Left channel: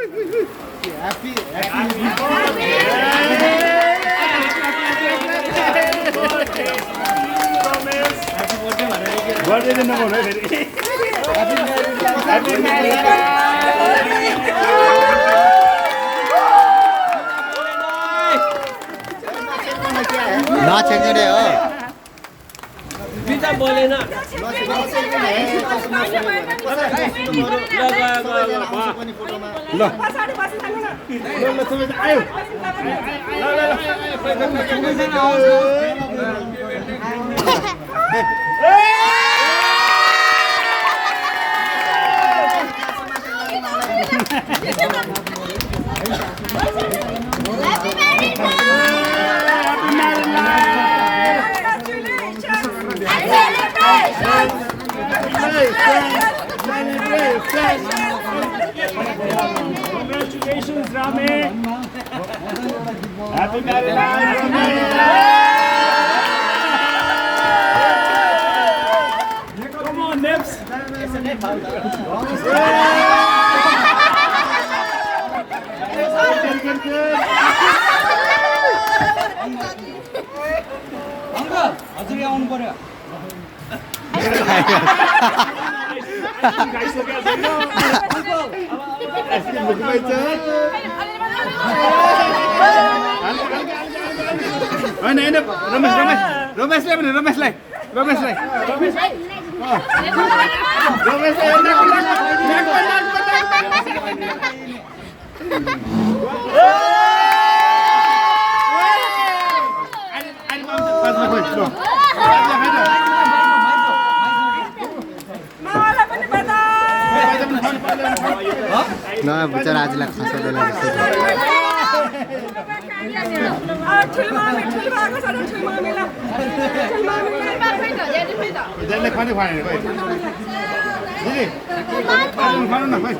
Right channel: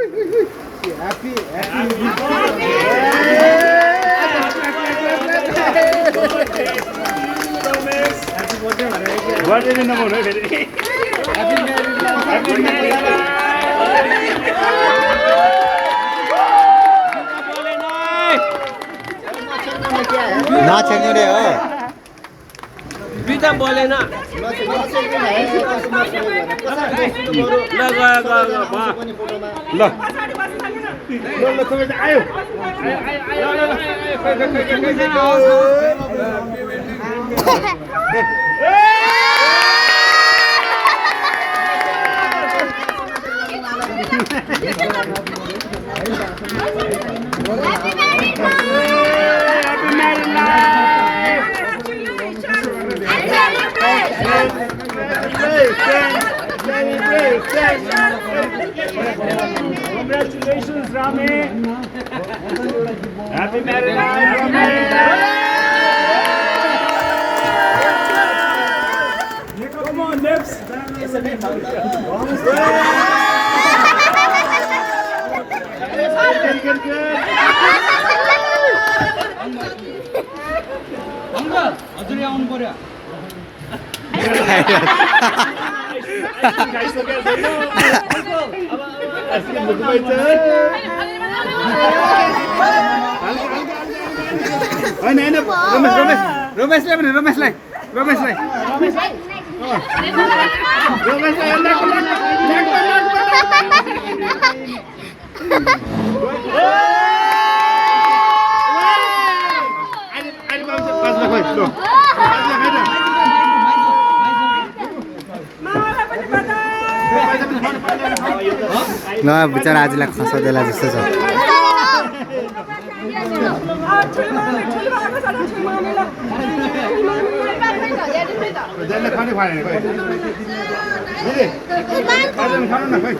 Happy birthday दिन नबोल्नु है फेरि नछेक्नु रे हो बिता बोलेन ल आयो Congratulations, Rami. Happy married life, Rami. Come on, Nips. Uncle हजुर आउनु पर्यो होइन रमेशलाई भने रमेशलाई ल बिचरा आजलाई खसाउँदैला जस्तो छ खाने खुवाएन खोइ दिदी खानु न खोइ